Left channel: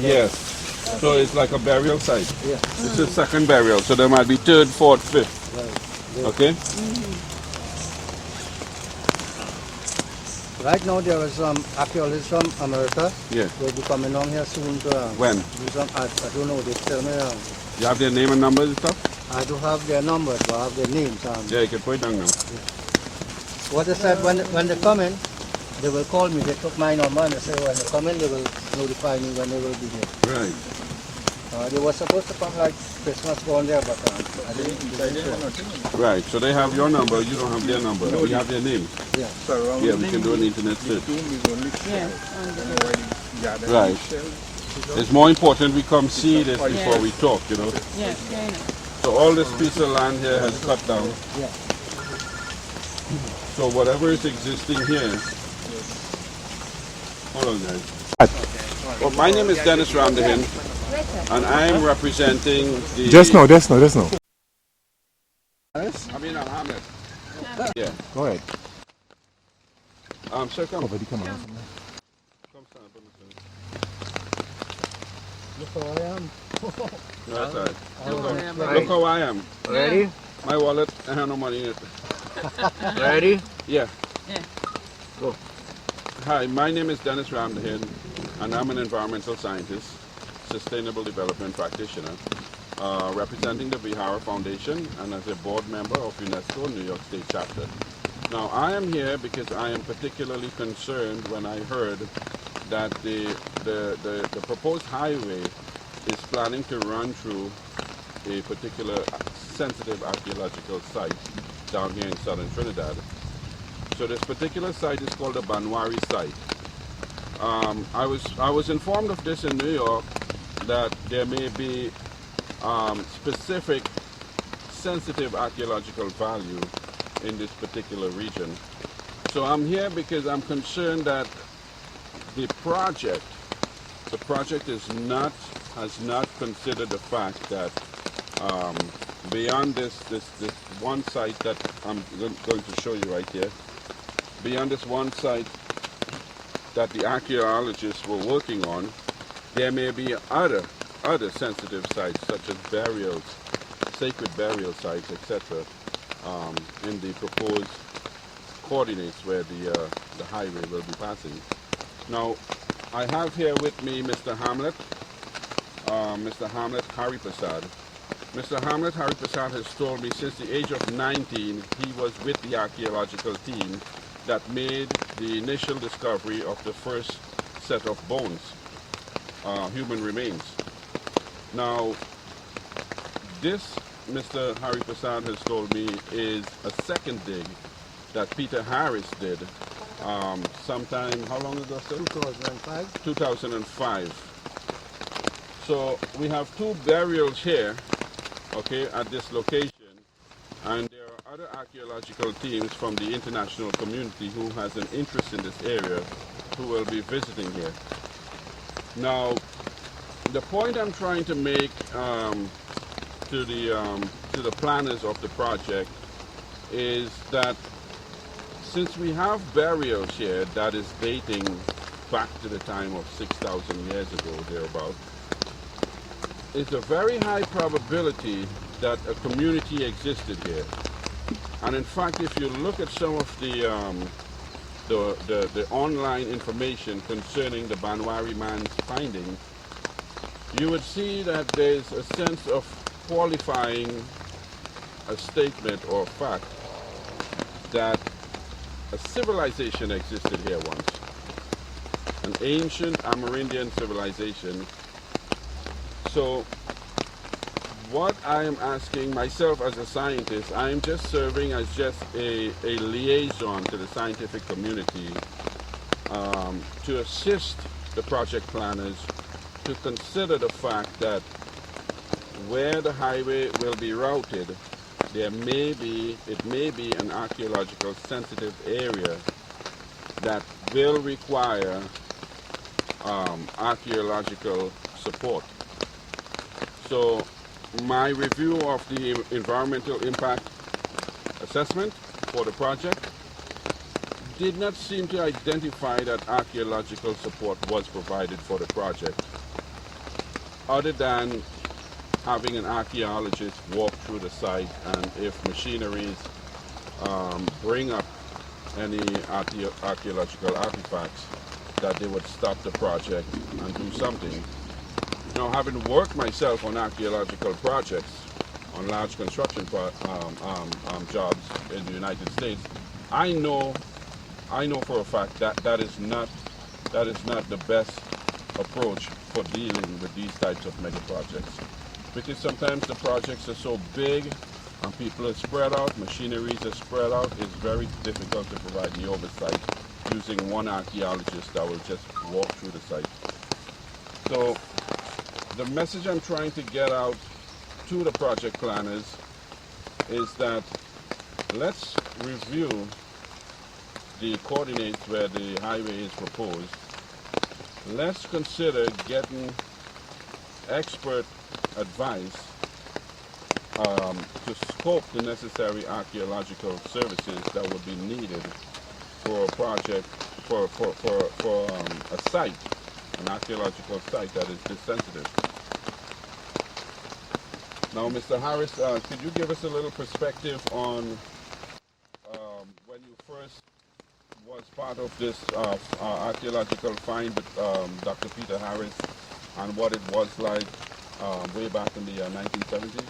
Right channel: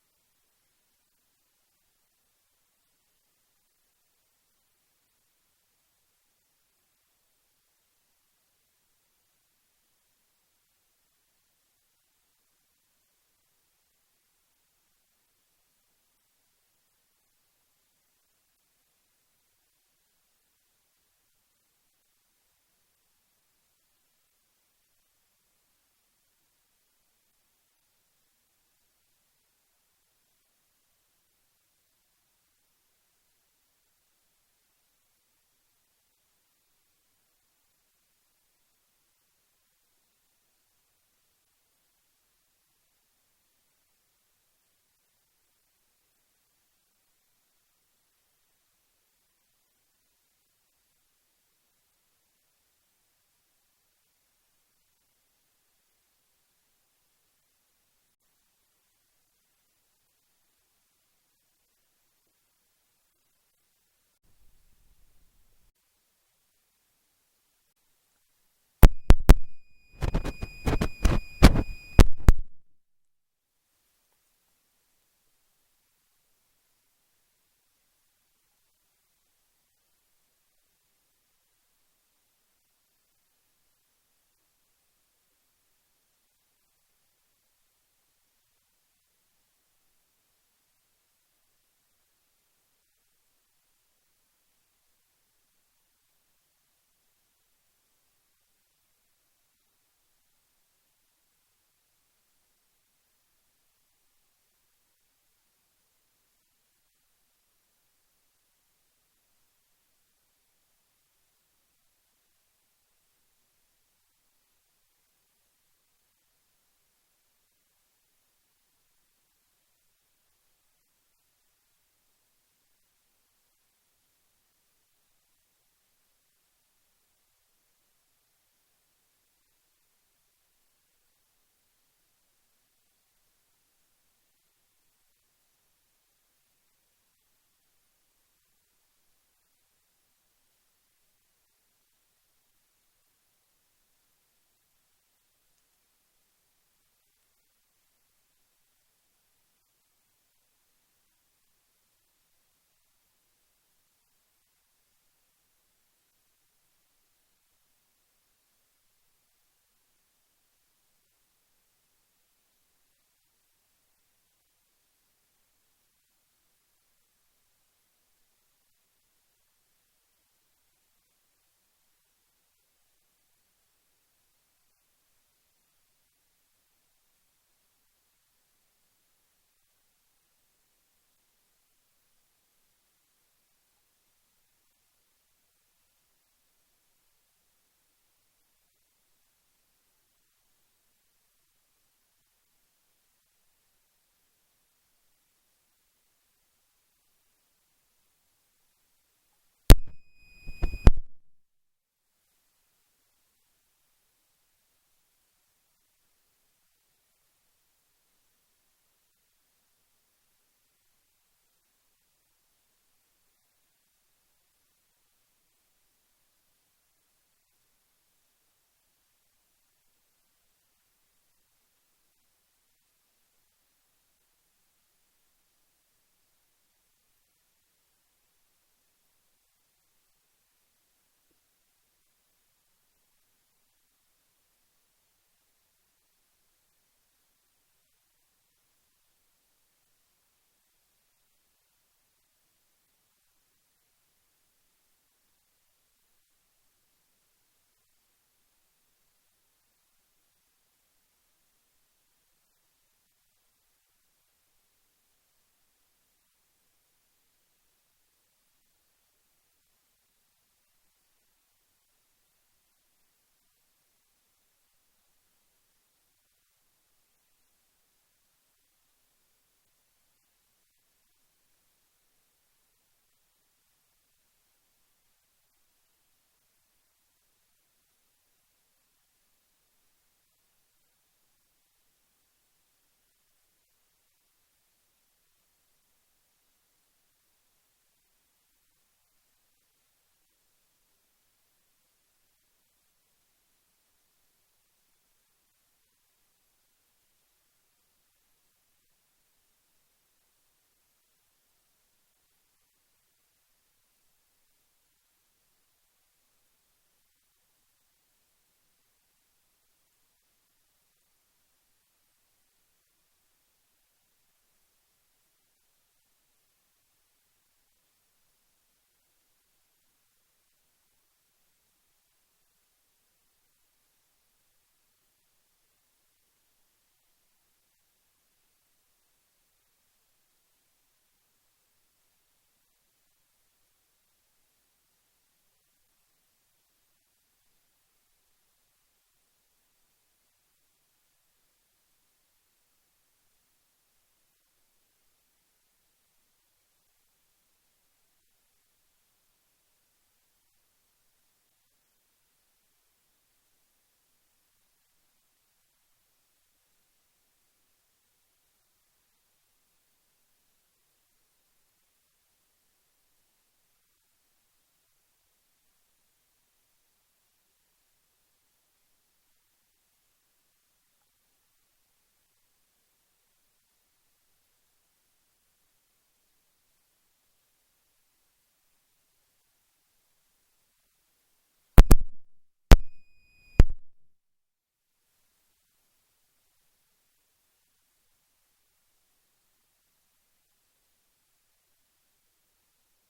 Yes. So it's like a burial site. Yeah. This is second burial, so there might be third, fourth, fifth. Right. Okay? Right now there are some archaeologists from America. Yeah. They'll be coming along here soon to When? do some. I don't know. They tell me. You have their name and numbers and stuff? I do have their numbers, but I have their names. Yeah, you can put it down now. What they said when they come in, they will call me. They took my number and they say when they come in, they will notify me when they will be here. Right. They were supposed to come like Christmas gone there, but I didn't. Right. So they have your number, you don't have their number. We have their names. Yeah. Yeah, we can do an internet search. Yeah. Right. It's more important we come see this before we talk, you know. Yes, So all this piece of land here has cut down. Yeah. So whatever is existing here. Hold on, guys. Well, my name is Dennis Ramdahin, and I am representing the. Just now. I mean, I'm Hamlet. Yeah. Go ahead. Sir, come. Buddy, come on. Come stand up on the Look how I am. No, that's all right. Right. Look how I am. Ready? My wallet, I have no money in it. Ready? Yeah. Yeah. Go. Hi, my name is Dennis Ramdahin, and I'm an environmental scientist, sustainable development practitioner, representing the Vihara Foundation and as a board member of UNESCO New York State Chapter. Now, I am here because I am particularly concerned when I heard that the proposed highway is planning to run through a particular sensitive archaeological site down here in southern Trinidad. So this particular site is called the Banwari site. I was informed of this in New York that there may be specific sensitive archaeological value in this particular region. So I'm here because I'm concerned that the project has not considered the fact that beyond this one site that I'm going to show you right here, beyond this one site that the archaeologists were working on, there may be other sensitive sites such as burials, sacred burial sites, etc. In the proposed coordinates where the highway will be passing. Now, I have here with me Mr. Hamlet Hariprasad. Mr. Hamlet Hariprasad has told me since the age of 19 he was with the archaeological team that made the initial discovery of the first set of bones, human remains. Now, this, Mr. Hariprasad has told me, is a second dig that Peter Harris did sometime, how long ago, sir? 2005. 2005. So we have two burials here, okay, at this location, and there are other archaeological teams from the international community who has an interest in this area who will be visiting here. Now, the point I'm trying to make to the planners of the project is that since we have burials here that is dating back to the time of 6,000 years ago, thereabout, it's a very high probability that a community existed here. And in fact, if you look at some of the online information concerning the Banwari man's findings, you would see that there's a sense of qualifying a statement or fact that a civilization existed here once, an ancient Amerindian civilization. So what I am asking myself as a scientist, I am just serving as just a liaison to the scientific community to assist the project planners to consider the fact that where the highway will be routed, it may be an archaeological sensitive area that will require archaeological support. So my review of the environmental impact assessment for the project did not seem to identify that archaeological support was provided for the project. other than having an archaeologist walk through the site, and if machineries bring up any archaeological artifacts, that they would stop the project and do something. Now, having worked myself on archaeological projects, on large construction jobs in the United States, I know for a fact that that is not the best approach for dealing with these types of mega projects, because sometimes the projects are so big and people are spread out, machineries are spread out. It's very difficult to provide the oversight using one archaeologist that will just walk through the site. So the message I'm trying to get out to the project planners is that let's review the coordinates where the highway is proposed. Let's consider getting expert advice to scope the necessary archaeological services that would be needed for a project, for a site, an archaeological site that is this sensitive. Now, Mr. Harris, could you give us a little perspective on when you first was part of this archaeological find with Dr. Peter Harris, and what it was like way back in the 1970s?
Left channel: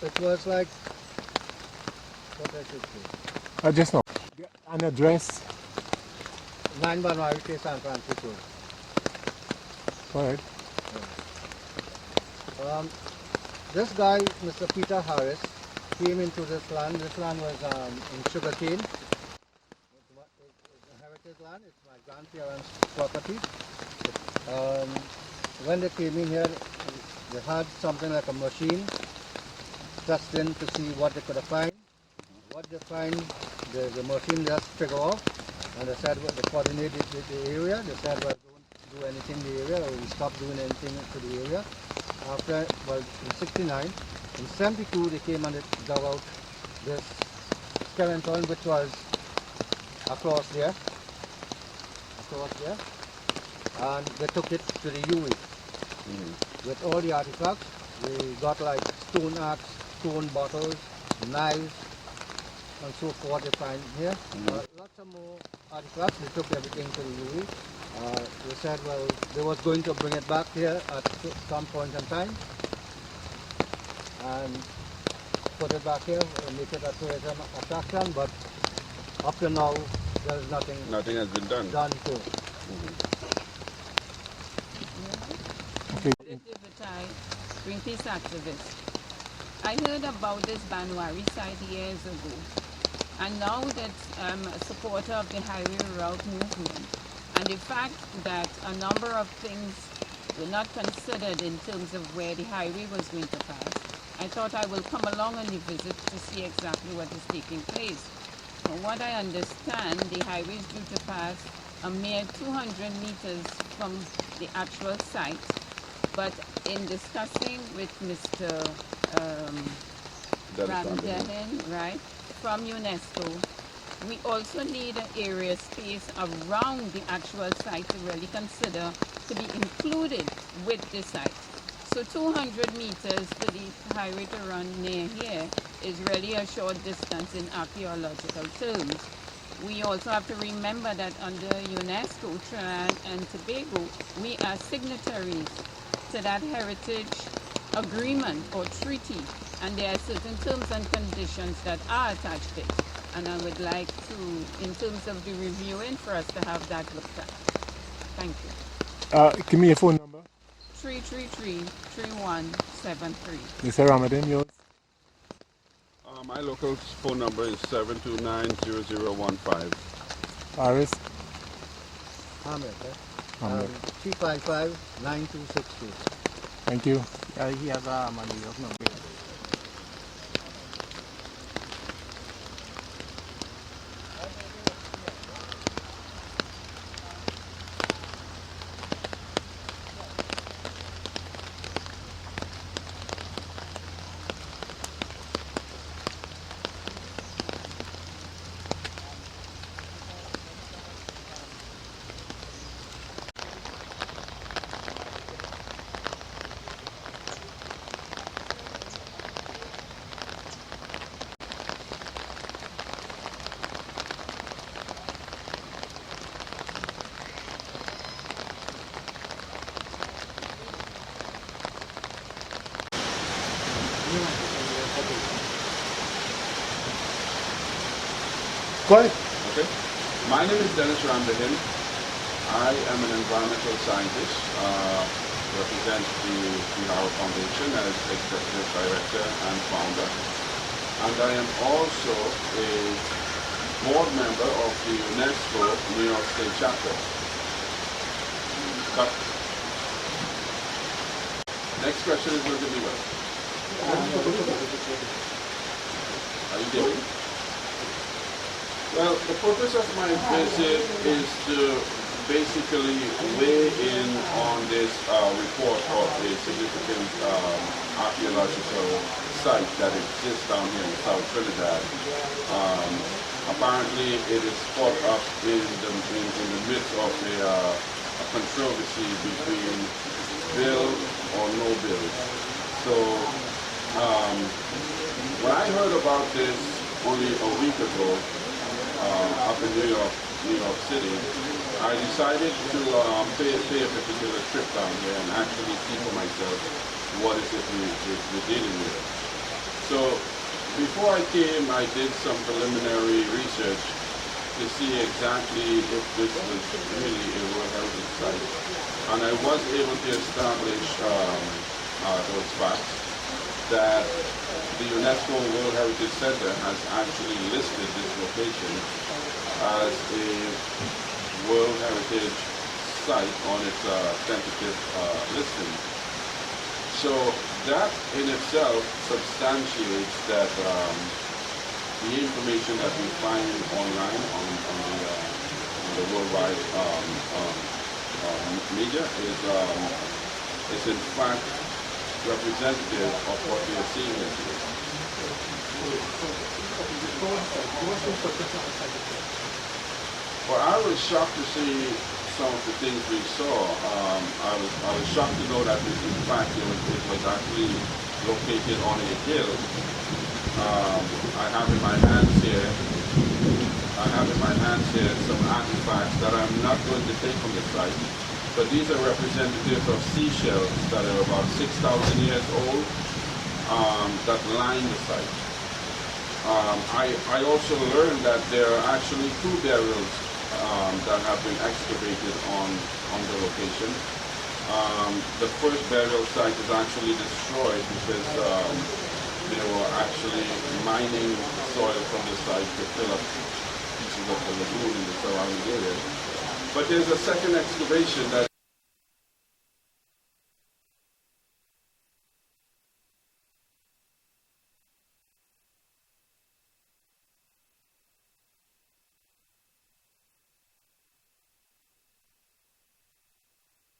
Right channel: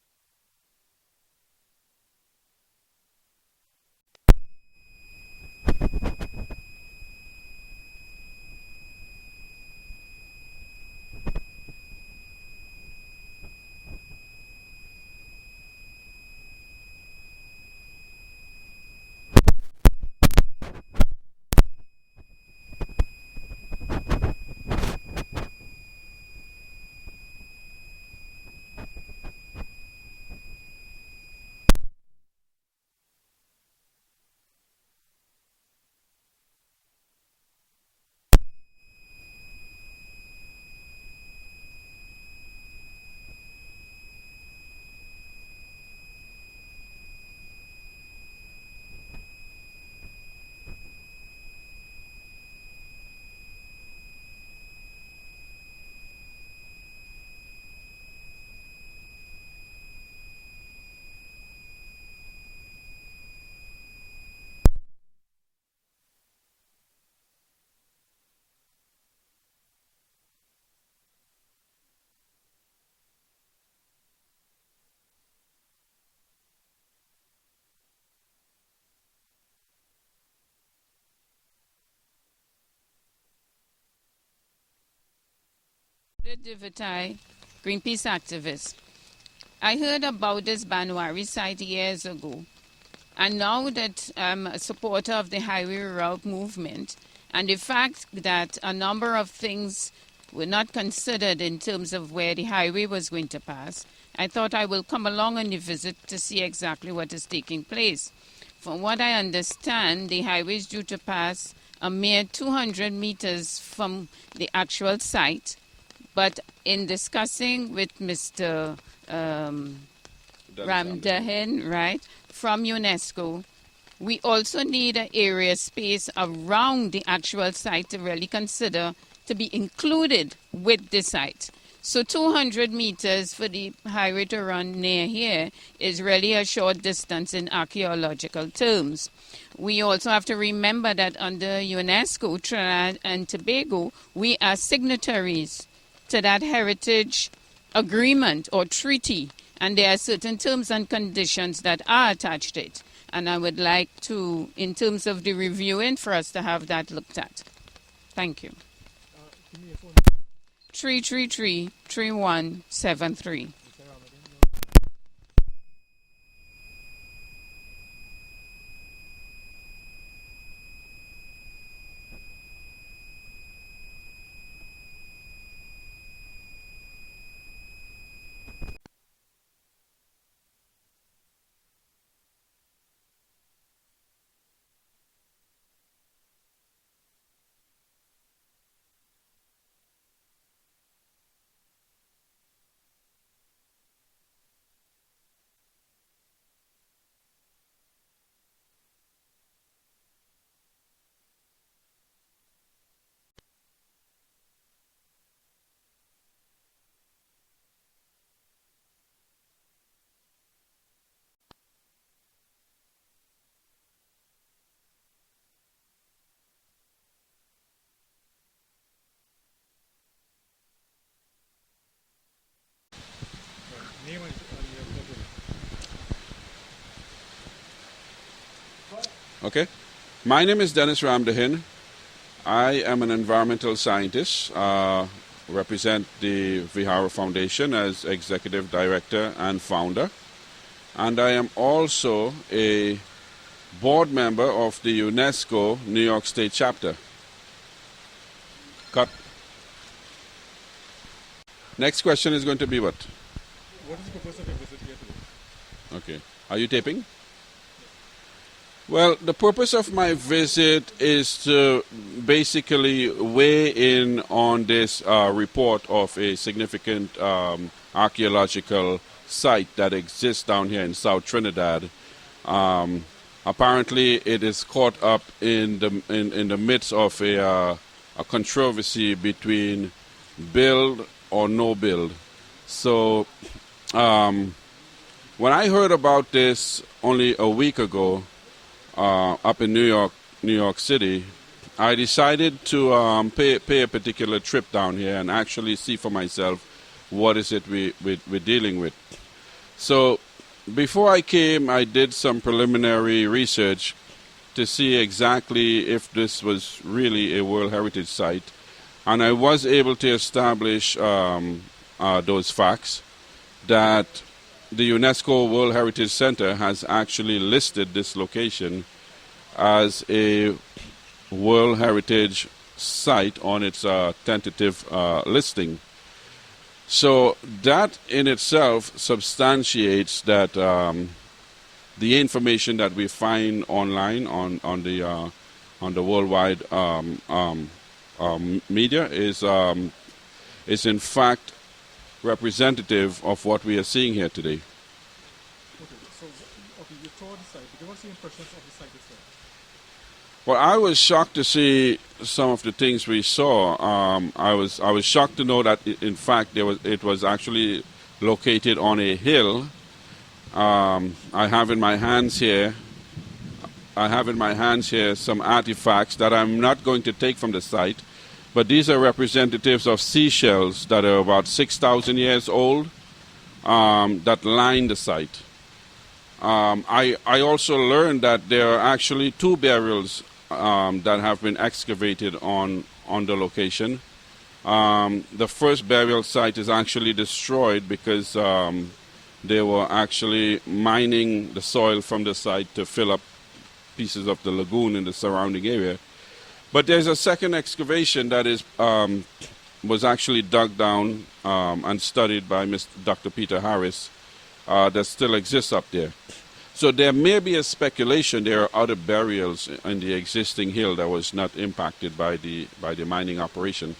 It was like, what I should say, Just now. An address. 9 Banwari, San Francisco. All right. This guy, Mr. Peter Harris, came into this land. This land was in sugarcane. It's heritage land. It's my grandparents' property. When they came in here, they had something like a machine testing to see what they could find. What they find, the machine just figure off, and they said, well, they coordinated the area. They said, well, don't do anything in the area, or we stop doing anything to the area. After, well, in 69, in 72, they came and they dug out this skeleton, which was across there, and they took it to the UE. With all the artifacts, they got like stone axe, stone bottles, knives, and so forth they find here. Lots of more artifacts. They took everything to the UE. They said, well, they was going to bring it back here at some point in time and put it back here and make it a tourism attraction, but up to now, there's nothing. Nothing has been done. To it. Ratified, Greenpeace activist. I heard about this Banwari site years ago, and now that I'm a supporter of the highway route movement, and the fact that a number of things were not considered in terms of where the highway was going to pass, I thought I will come along on the visit to see exactly what is taking place. From what I understand, the highway is due to pass a mere 200 meters from the actual site, but in discussing with Mr. Ramdahan, right, from UNESCO, we also need an area space around the actual site to really consider to be included with the site. So 200 meters for the highway to run near here is really a short distance in archaeological terms. We also have to remember that under UNESCO, Trinidad and Tobago, we are signatories to that heritage agreement or treaty, and there are certain terms and conditions that are attached to it. And I would like to, in terms of the reviewing, for us to have that looked at. Thank you. Give me your phone number. 333-3173. Mr. Ramadan, yours? My local phone number is 729-0015. Paris? Ahmed, Ahmed. 355-9262. Thank you. He has a money of no bill. Go ahead. Okay. My name is Dennis Ramdahin. I am an environmental scientist, represent the Vihara Foundation as executive director and founder. And I am also a board member of the UNESCO New York State chapter. Cut. Next question is going to be what? Okay. Are you taping? Well, the purpose of my visit is to basically weigh in on this report of a significant archaeological site that exists down here in South Trinidad. Apparently, it is caught up in the midst of a controversy between build or no build. So, when I heard about this only a week ago, up in New York City, I decided to pay a particular trip down here and actually see for myself what is it we're dealing with. So before I came, I did some preliminary research to see exactly if this was really a World Heritage Site, and I was able to establish those facts that the UNESCO World Heritage Center has actually listed this location as a World Heritage Site on its tentative listing. So that in itself substantiates that the information that we find online on the worldwide media is in fact representative of what we are seeing here today. Well, I was shocked to see some of the things we saw. I was shocked to know that in fact it was actually located on a hill. I have in my hands here some artifacts that I'm not going to take from the site, but these are representatives of seashells that are about 6,000 years old that line the site. I also learned that there are actually two burials that have been excavated on the location. The first burial site is actually destroyed because they were actually mining the soil from the site to fill up pieces of the lagoon in the surrounding area. But there's a second excavation that was actually dug down and studied by Dr. Peter Harris that still exists up there. So there may be a speculation there are other burials in the existing hill that was not impacted by the mining operation.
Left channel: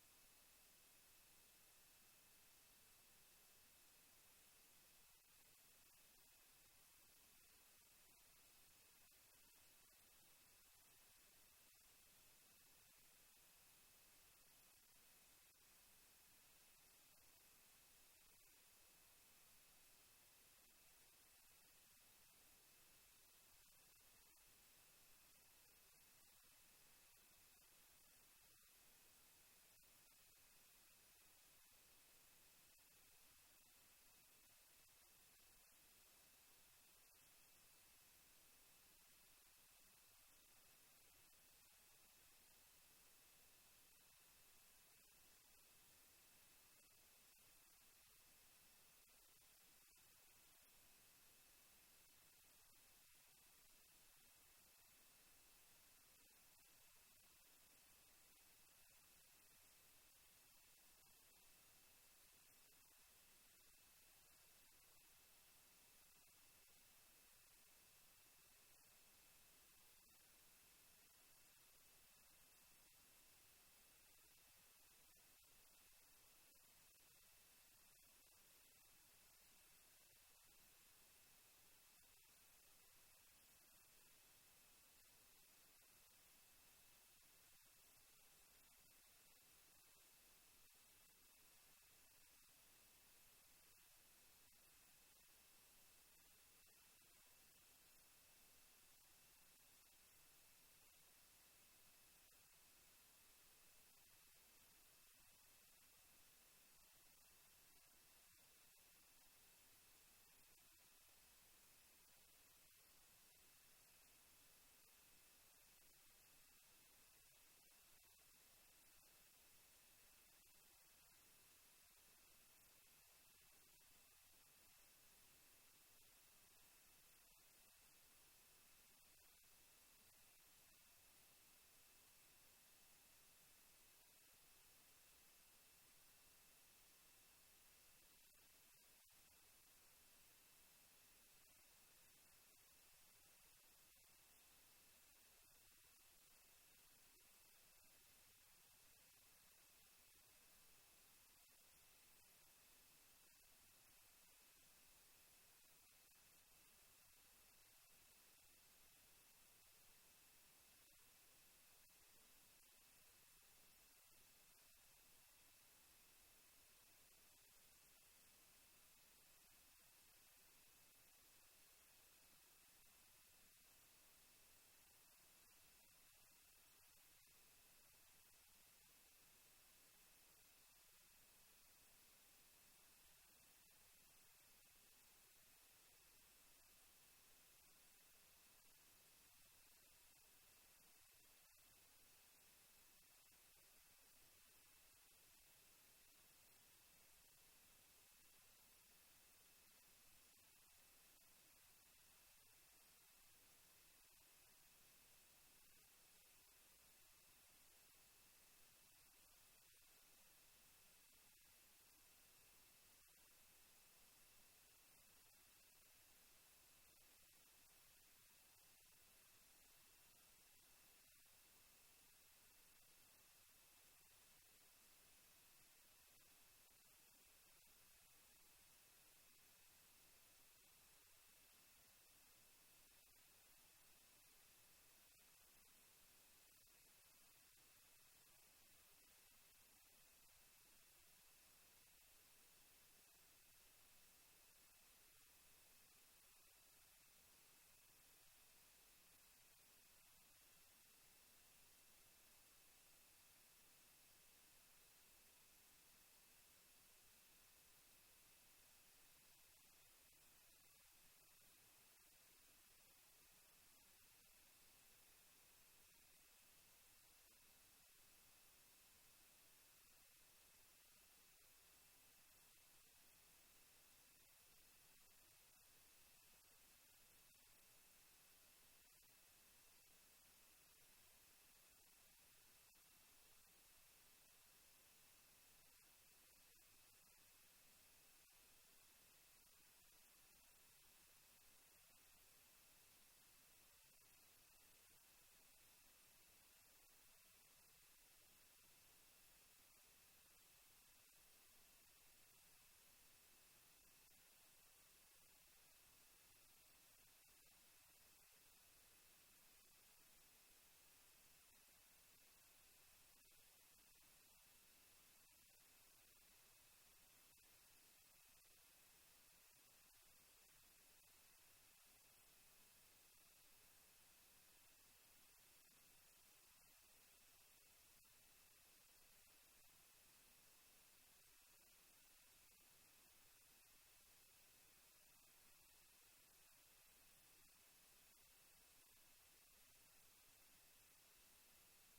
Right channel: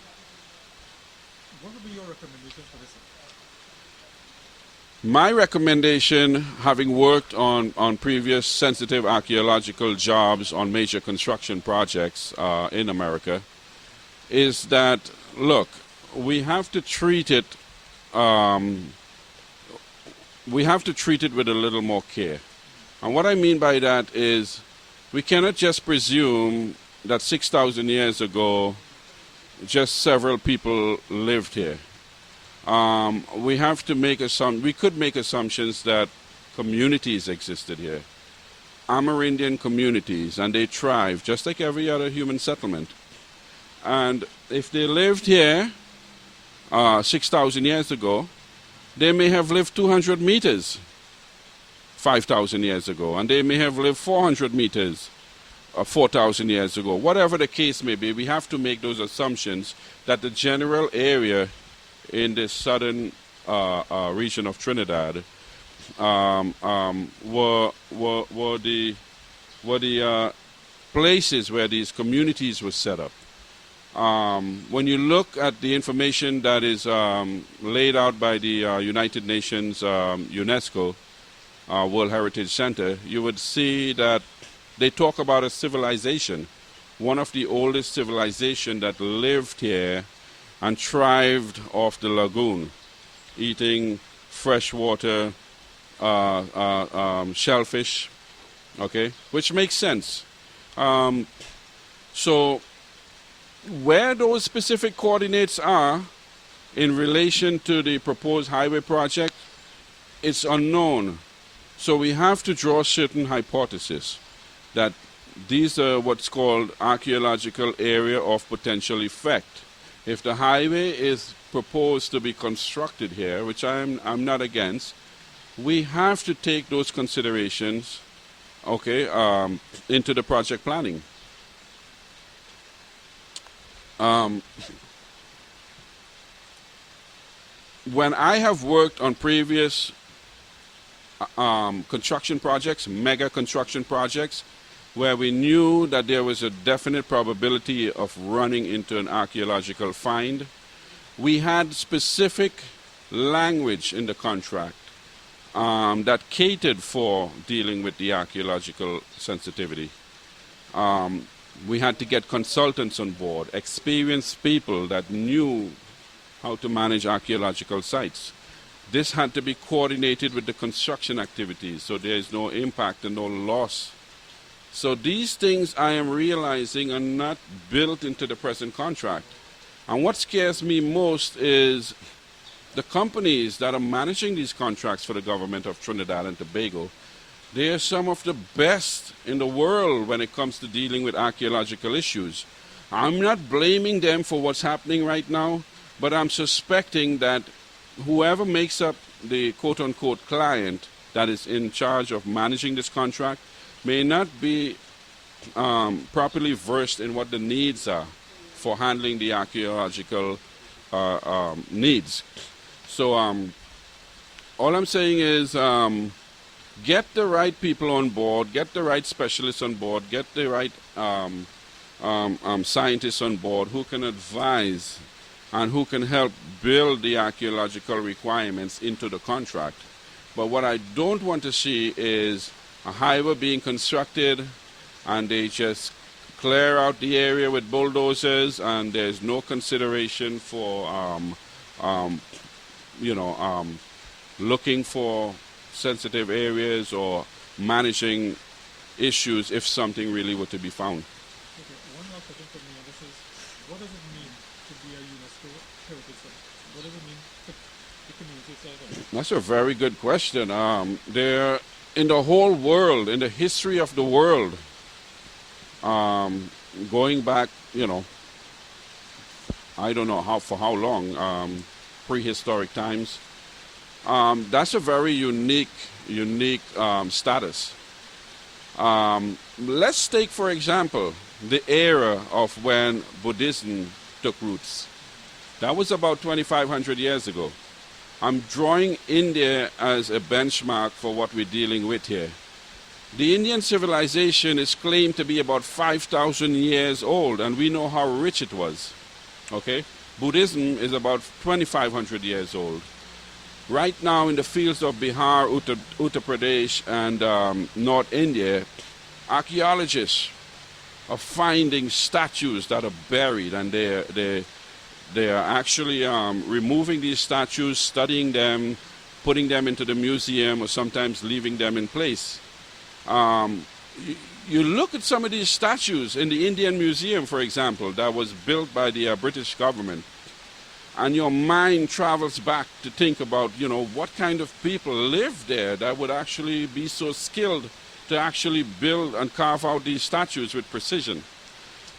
What would be your recommendation for this? My recommendation, having worked on previous sensitive archaeological jobs on major construction projects in America, is that, look, we have to treat it with a little more care. And what I mean by that is we cannot just presume that 6,000 years ago just several people lived here. We have to we could make assumptions that communities existed here, Amerindian communities, and they thrived just like every other human settlement. And if they lived here 6,000 years ago, they may have lived 200 meters 5,000 years ago, and they may have lived 400 meters 4,000 years ago. Whatever the case may be, we have to make those assumptions that the general area in the southern region of Trinidad were the places where these communities were set up. When you look at the information that is laid out by the United Nations UNESCO World Heritage Center, you would see that they talk about a civilization, one of the oldest civilizations that lived here and thrived off the lagoon, eating freshwater shellfish, okay, which makes sense. So where those specific coordinates are in relation to the proposed highway project, it's unknown. So we have to draw certain hypotheses. that these are what's called archaeological area of potential effect. If the highway is proposed to be constructed here, which I'm not against, we have to take those considerations, okay, into the project planning. When I have worked on previous construction projects, mega construction projects, where we knew that there was a definite probability of running into an archaeological find, we had specific language in the contract that catered for dealing with the archaeological sensitivity. We had to get consultants on board, experienced people that knew how to manage archaeological sites. This had to be coordinated with the construction activities so there is no impact and no loss. So these things I am realizing are not built into the present contract. And what scares me most is the companies that are managing these contracts for the government of Trinidad and Tobago. They are some of the best in the world when it comes to dealing with archaeological issues. I'm not blaming them for what's happening right now, but I'm suspecting that whoever makes up the quote-unquote client that is in charge of managing this contract may not be properly versed in what the needs are for handling the archaeological needs. So all I'm saying is get the right people on board, get the right specialists on board, get the right scientists on board who can advise and who can help build the archaeological requirements into the contract. But what I don't want to see is a highway being constructed and they just clear out the area with bulldozers and there's no consideration for looking for sensitive areas or managing issues if something really were to be found. Okay, one last question for me, and this is, what does it mean to be a UNESCO heritage site? What does it mean to the community itself? That's a very good question. There, in the whole world, in the history of the world, going back, I don't know for how long, prehistoric times, that's a very unique status. Let's take, for example, the era of when Buddhism took roots. That was about 2,500 years ago. I'm drawing India as a benchmark for what we're dealing with here. The Indian civilization is claimed to be about 5,000 years old, and we know how rich it was. Okay? Buddhism is about 2,500 years old. Right now in the fields of Bihar, Uttar Pradesh, and North India, archaeologists are finding statues that are buried, and they are actually removing these statues, studying them, putting them into the museum, or sometimes leaving them in place. You look at some of these statues in the Indian Museum, for example, that was built by the British government, and your mind travels back to think about, what kind of people lived there that would actually be so skilled to actually build and carve out these statues with precision.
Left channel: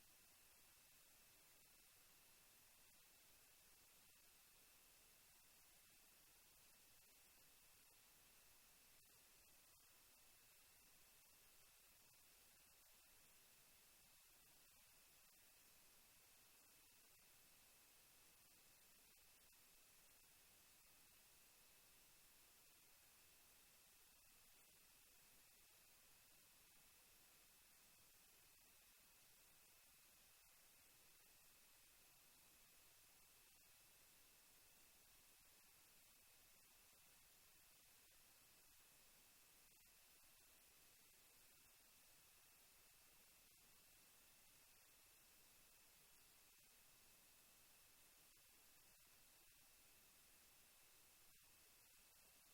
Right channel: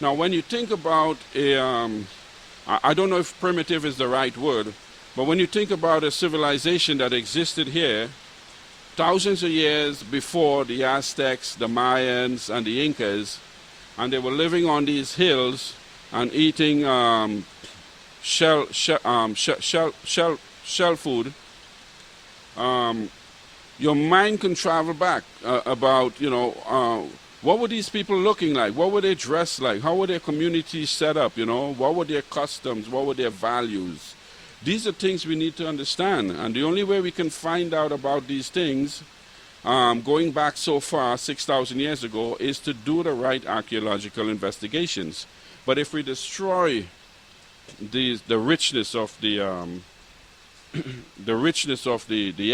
Now, when you think about I don't know if primitive is the right word, but when you think about a civilization that existed here thousands of years before the Aztecs, the Mayans, and the Incas, and they were living on these hills and eating shell food, your mind can travel back about, what were these people looking like? What were they dressed like? How were their communities set up? What were their customs? What were their values? These are things we need to understand. And the only way we can find out about these things, going back so far, 6,000 years ago, is to do the right archaeological investigations. But if we destroy the richness of the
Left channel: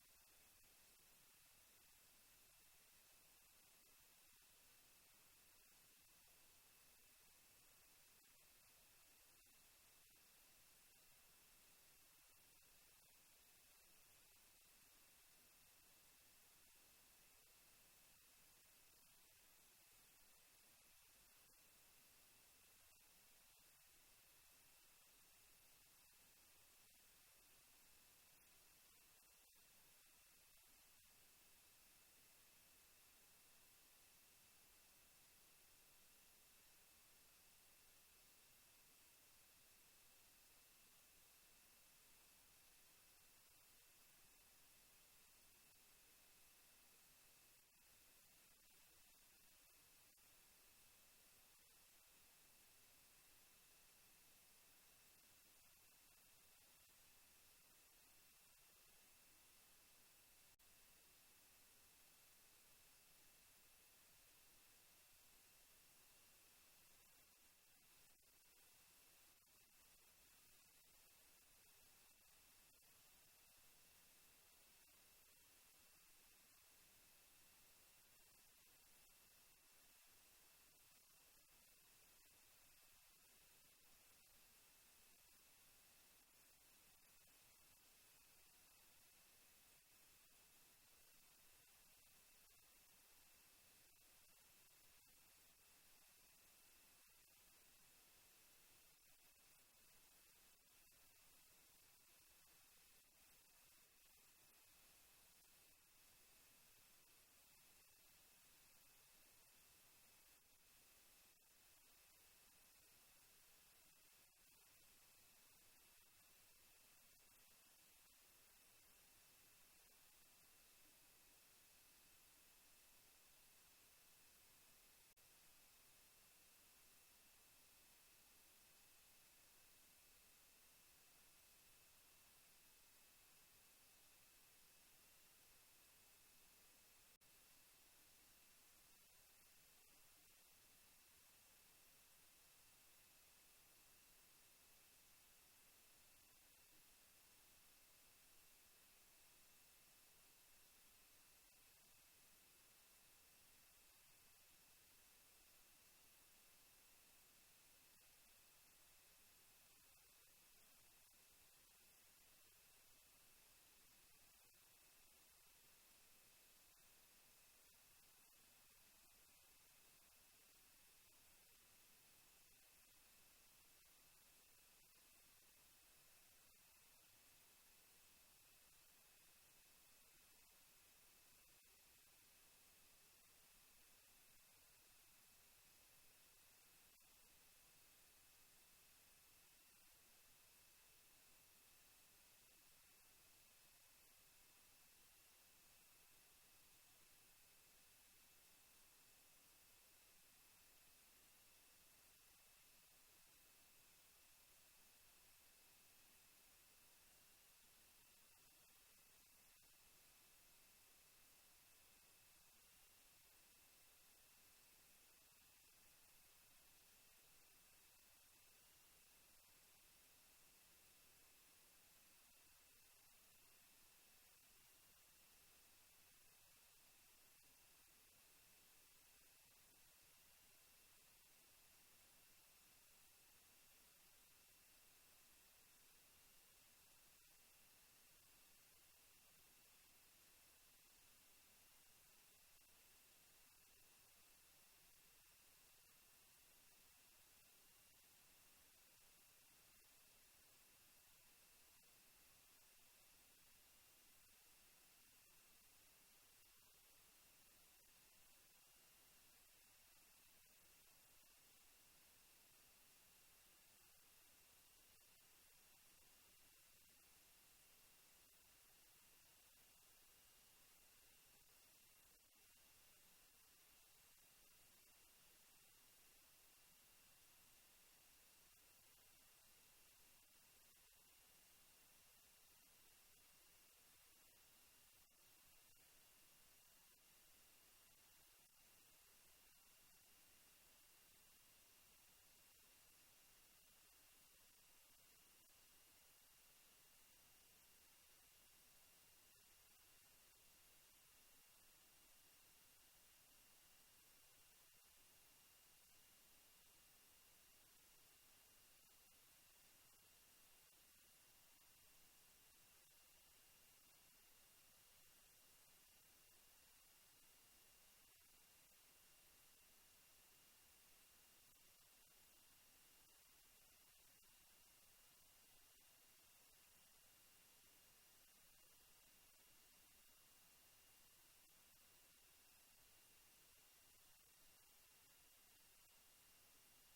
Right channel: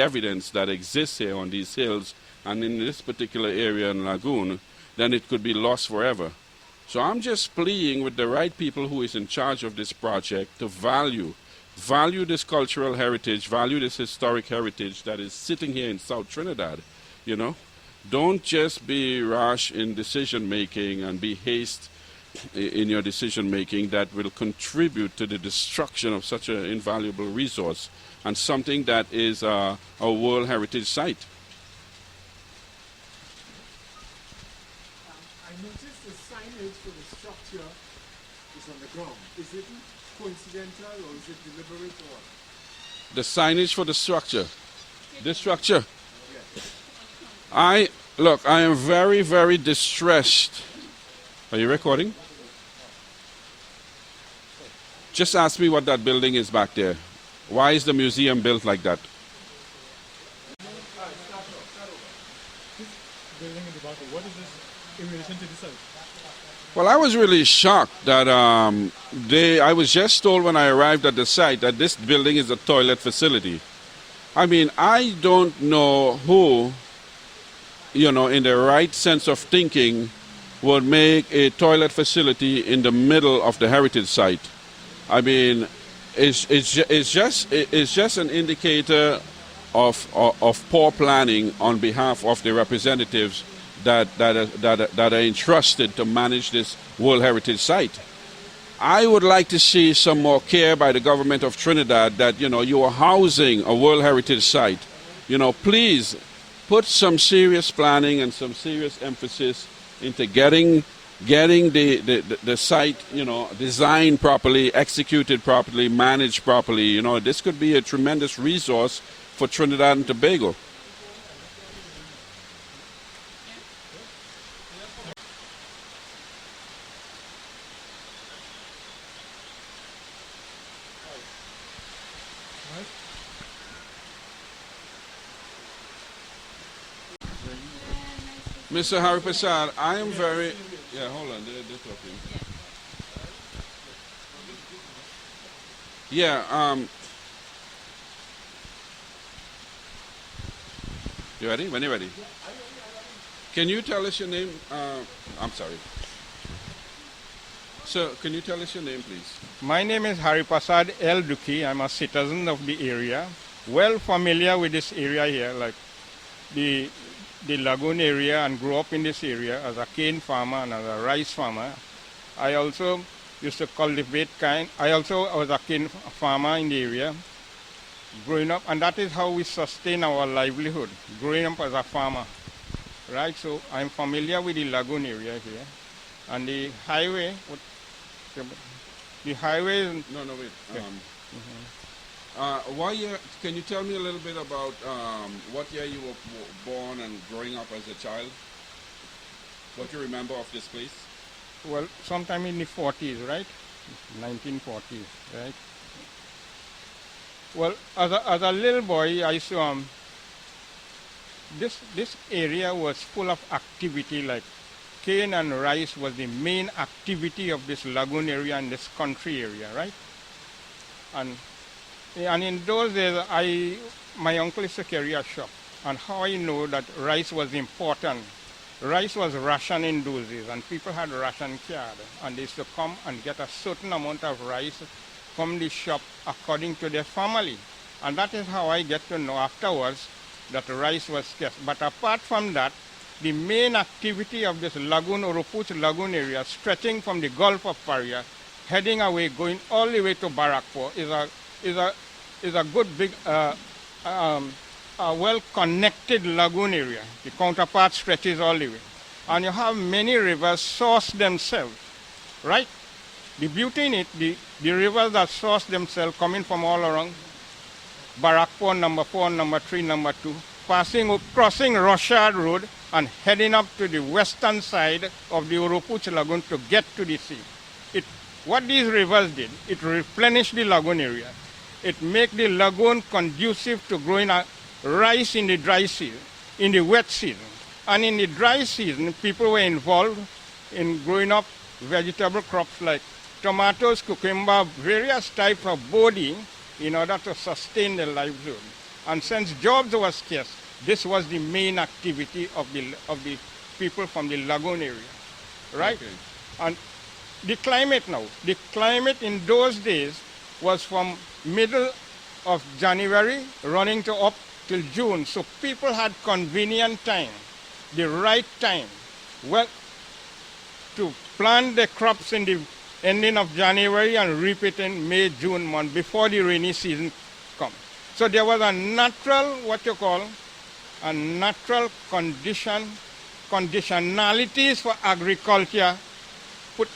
evidence that exists here on these hills and in this particular area in Lagoon, then it could be lost forever. So I'm just pleading with the right people who is in charge of this project to value this cultural heritage, value this historic heritage that is sitting here in South Trinidad, Don't just be rash in decision making and be haste in your decision making that will contribute to the destruction of such an invaluable resource and something that is a World Heritage Site. I noticed the signage for the structure is on the ground. Is it coincidental or is it deliberate or? The signage for the structure. This structure. Yes. I am very, very distressed. Are you recording? Just ask me what that building is back there. Why is the museum built like that? This building in the back, what is this in relation to the site? Well, I was really shocked that I was just told when I arrived at the site that this building is a toilet facility. I mean, I don't know who, in the right sense of thinking, would make a toilet facility in the middle of the heritage site. I mean, it's just an indicator of poor planning on behalf of the representatives that are entrusted to manage this World Heritage Site. I would like to see some more care by the government of Trinidad that, you are housing a World Heritage Site. Please put some serious planning and some serious emphasis into getting the site, designed properly, executed properly, managed properly. This could be a tremendous resource for Trinidad and Tobago. Mr. Hari Prasad, I am very... Yeah, hold on, they're talking. Yeah, you ready? When you're ready. Can you tell us your name? I'm sorry. Sir, can you tell us your name, please? My name is Hari Prasad El Duki. I'm a citizen of the area, well familiar with this area here, like the lagoon area, and grew up in this area as a cane farmer and as a rice farmer. I also used to cultivate cane. I also was a cane farmer in the area, growing up, and that is how we sustain our livelihood, growing up as a farmer, right? So I'm familiar with the lagoon area here, and the highway. The highway. No, wait. Okay. What year? Can you tell me a little bit about what year you were born and growing up as a child? What you remember of this place? Well, sometime in the 40s, right? 1940s, right? Well, as a little boy, I saw this area was full of activity. Like cane and rice was the main activity of this lagoon area and this country area, right? And in those days, my uncle used to carry a shop. And how I know that rice was important, rice was ration in those days, and people had ration card. And they used to come and get a certain amount of rice from the shop according to their family. And that is how I get to know afterwards that rice was scarce. But apart from that, the main activity of this lagoon, Oropuch lagoon area, stretching from the Gulf of Paria, heading away, going all the way to Barrackpore, is a good big, a well-connected lagoon area. The counterpart stretches all the way. And you have many rivers source themselves, right? The beauty in it, the rivers that source themselves coming from all around, Barrackpore, number 4, number 3, number 2, crossing Rochard Road and heading up to the western side of the Oropuch Lagoon to get to the sea. What these rivers did, it replenished the lagoon area. It made the lagoon conducive to growing rice in the dry season, in the wet season. And in the dry season, people were involved in growing up vegetable crops like tomatoes, cucumber, various types of body in order to sustain their livelihood. And since jobs were scarce, this was the main activity of the people from the lagoon area, right? Okay. And the climate in those days was from middle of January running to up till June. So people had convenient time the right time. Well, to plant the crops in the ending of January and reap it in May, June month before the rainy season comes. So there was a natural, a natural conditionalities for agriculture put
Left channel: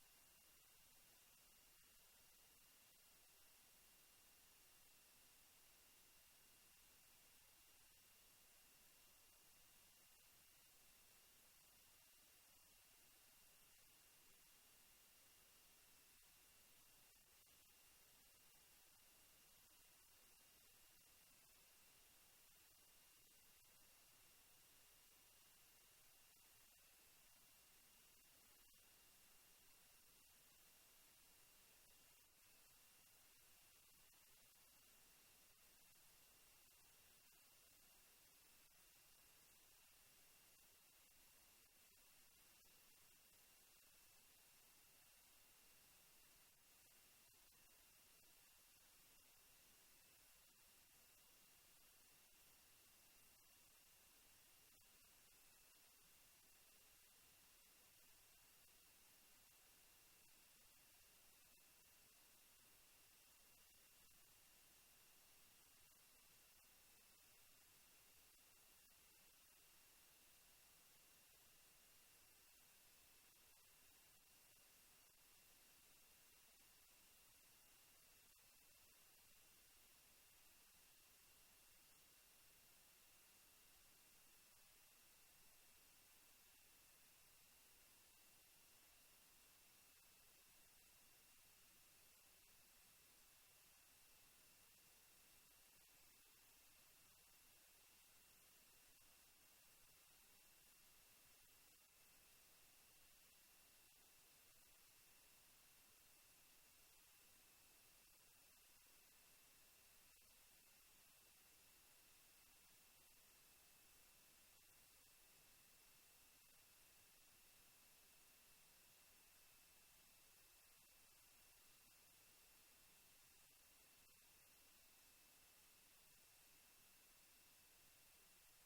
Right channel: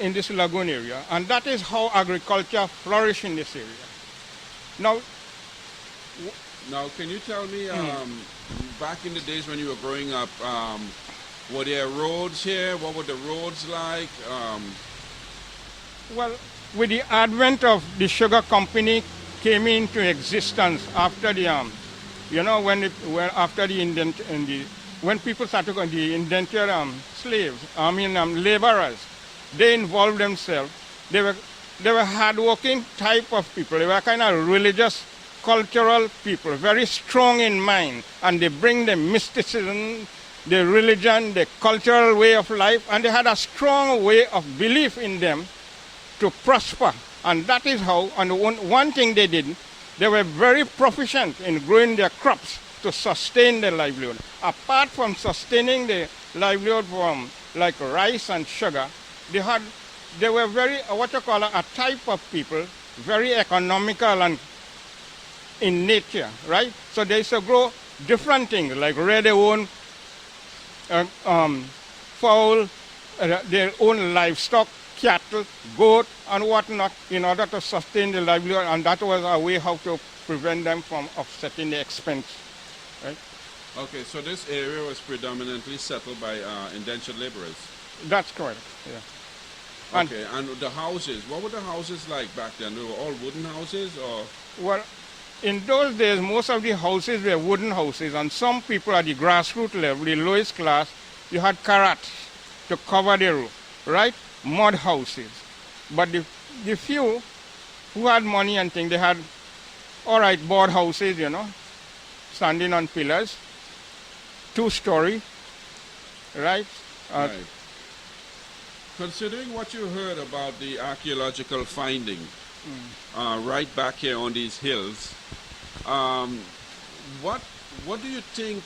in this lagoon area. And that is how agriculture flourished in this area. Now, Now, can you tell me, back in the days when you were growing up, were there roads here? What were the roads like? well, with the advent of the sugar company came into existence after the, after the when people started going, the indentured slaves, laborers, they involved themselves. They were hardworking type of people. They were kind of religious, cultural people, very strong in mind, and they bring the mysticism, the religion, the cultural way of life, and they had a strong way of belief in them to prosper. And that is how, and one thing they did, they were very proficient in growing their crops to sustain their livelihood. Apart from sustaining the livelihood from like rice and sugar, they were very, a type of people, very economical and in nature, right? So they used to grow different things, like rear their own fowl, their own livestock, cattle, goat, and whatnot, in order to sustain the livelihood, and that was a way how to prevent them from offsetting the expense, right? Okay, so this area was predominantly settled by indentured laborers. That's correct, yeah. Okay, and the houses, what were the houses like back then? They were all wooden houses, or? Well, in those days, most of the houses were wooden houses, and some people at the grassroots level, the lowest class, you had carrots to cover the roof, right? Mud houses. But the few who had money and things, they had, all right, board houses, standing on pillars, 2-story, right? Right. Considering what you heard about the archaeological finding right back here on these hills, what do you think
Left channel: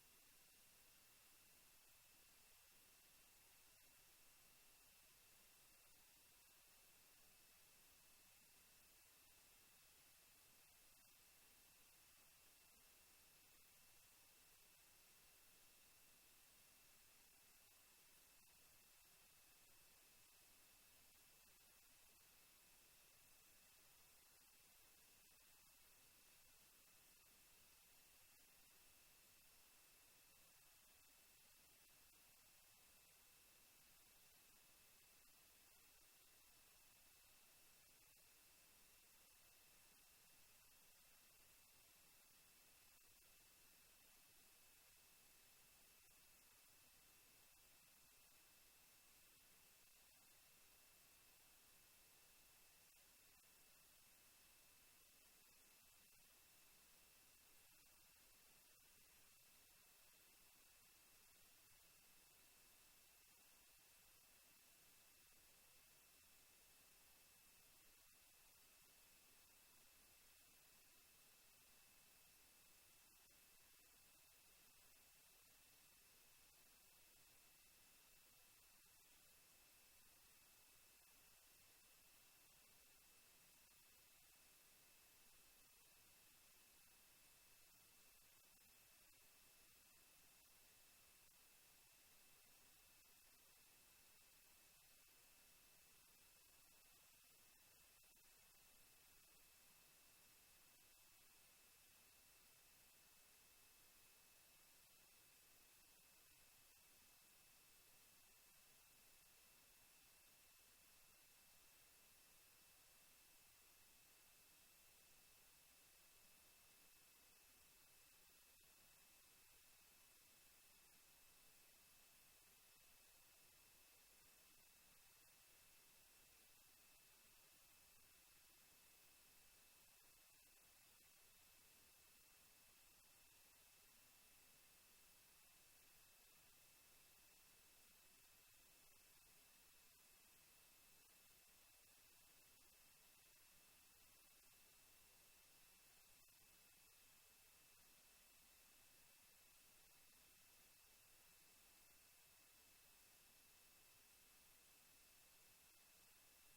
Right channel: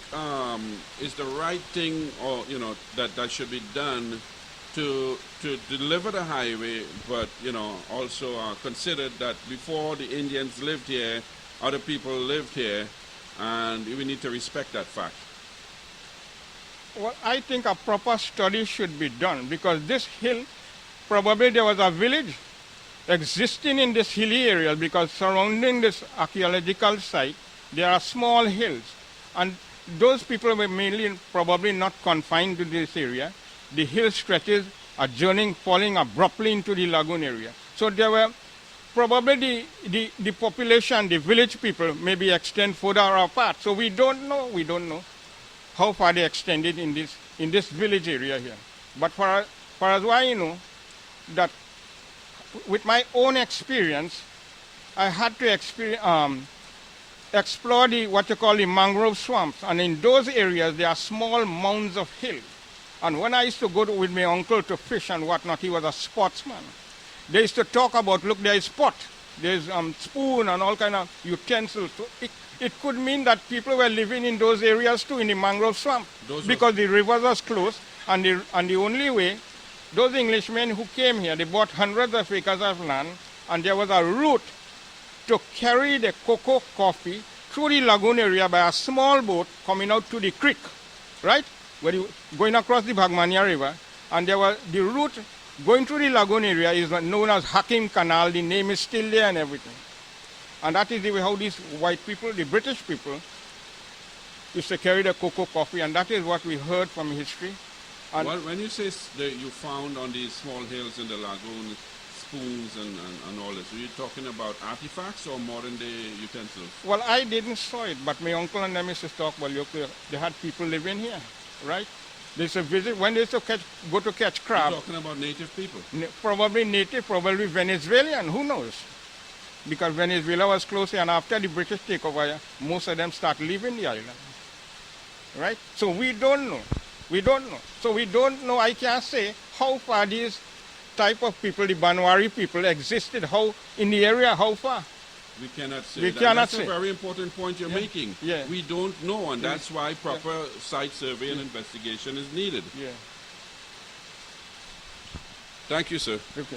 is the right thing, or that should be done to deliver the highway, but also consider that before the Indians lived here, other people lived here, and we need to respect that fact? Well, I think a proper study should be done, because this hill, probably there was a village existing in this hilly area, because surrounding this archaeological site, there are small hills. And those people were mainly probably not confined to this area. The hill stretches are falling abruptly into the lagoon area. So there were probably the population, the village people, maybe extend further apart. So we don't know how far they extended in this village area here. But for as I know, that with my own experience, I had to explore what you call the mangrove swamps. And in those areas, there are small mounds of hill. And when I used to go with my uncle to fish and whatnot, he was a sportsman. They used to talk about, look, there is pot, there's spoon and all kind of utensils. So it could mean that people were living in those areas too, in the mangrove swamp, because the rivers was close, and the only way, those Englishmen who came here, they bought hundreds of acres of land, and there was a route to carry the cocoa coffee through the lagoon area by a small boat coming out to the creek, right? Going across the Bagmania River, and there was the route going through the lagoon area is known as Hakim Canal. The name is still there and everything. And that is the way how these white people, the British people, used to carry the cocoa coffee, and that is what we heard from history. And well, when you say that you found on these small hills in the lagoon spoons and all this, are you talking about artifacts or modern day utensils? Well, I didn't saw it, but my uncle and them used to talk, well, look, they had people living here, right? They used to visit, when they used to go to catch crab. You're talking about native people? Probably native, probably Venezuelan, who knows? Because Venezuela was close here, and after the British takeover, most of them start leaving the island, right? So we don't know. We don't know. So we don't know, I can't say how far these type of people, the Banwari people, existed, how in the area, how far. We cannot say We that. cannot That's say. a very important point you're making. Yeah. We don't know, and Yeah. that's why proper site survey and investigation is needed. Yeah. Thank you, sir. Okay.